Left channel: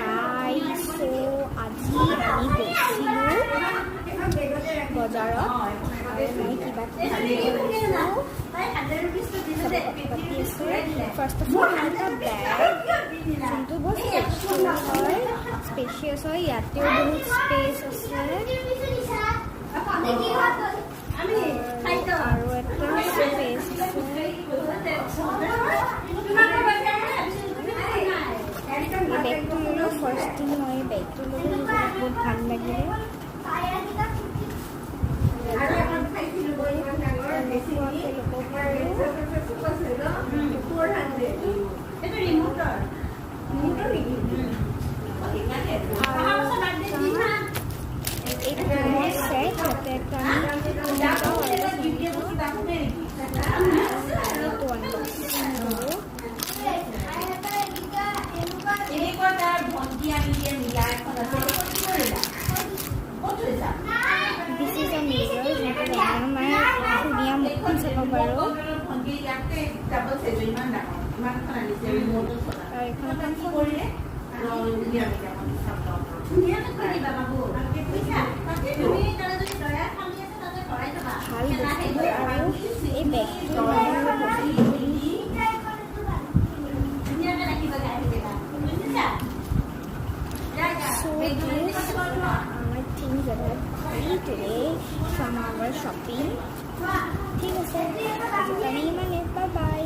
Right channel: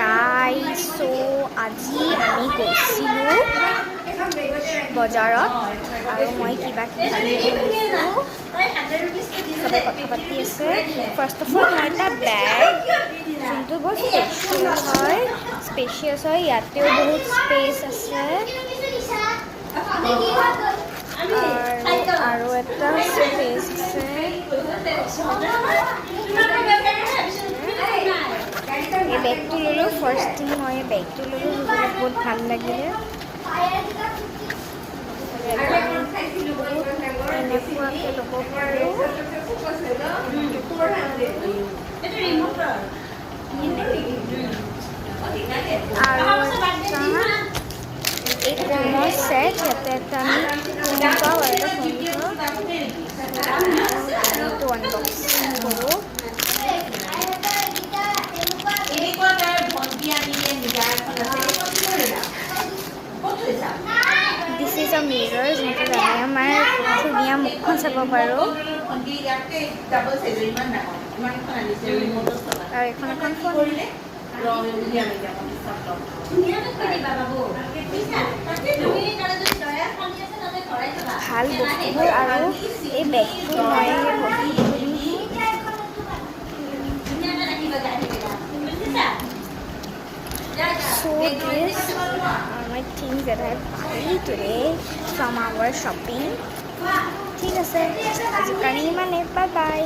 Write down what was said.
Guys আজি আমি গৈছিলোঁ বজাৰত আৰু মই কিবা কিবি চবে কথা পাতি আছে। ফাৰ্ষ্ট অফ অল মই এটা বেগ যোনটো বহুত স্পেচিয়াছ হয়, ইয়াতেও বহুত স্পেচ আছে আৰু এটা স্পেচ আছে। এই বেগটো ল'লোঁ, ফাৰ্ষ্ট থিং মই বেগটো ল'লোঁ, বহুত ভাল লাগিলে। এনেকুৱাকৈ ল'ব পাৰোঁ। আৰু এই ফোনৰ ছেট, ইয়াতে এটা আমি পাওঁ আৰু এটা ফোনটো আনবক্সিং কৰোঁ। দিছ ইজ আ মিৰৰ, যোনটো আমি আমাৰ ধুনীয়া মুখখন চাব পাৰোঁ। আৰু এইখন এখন ফোন। ভাল বস্তুবোৰ আৰু এই বেগটো মই So this are my things that I buy today from our shopping. ঠিক আছে, আজিৰ কাৰণে ইমানেই, বাই বাই।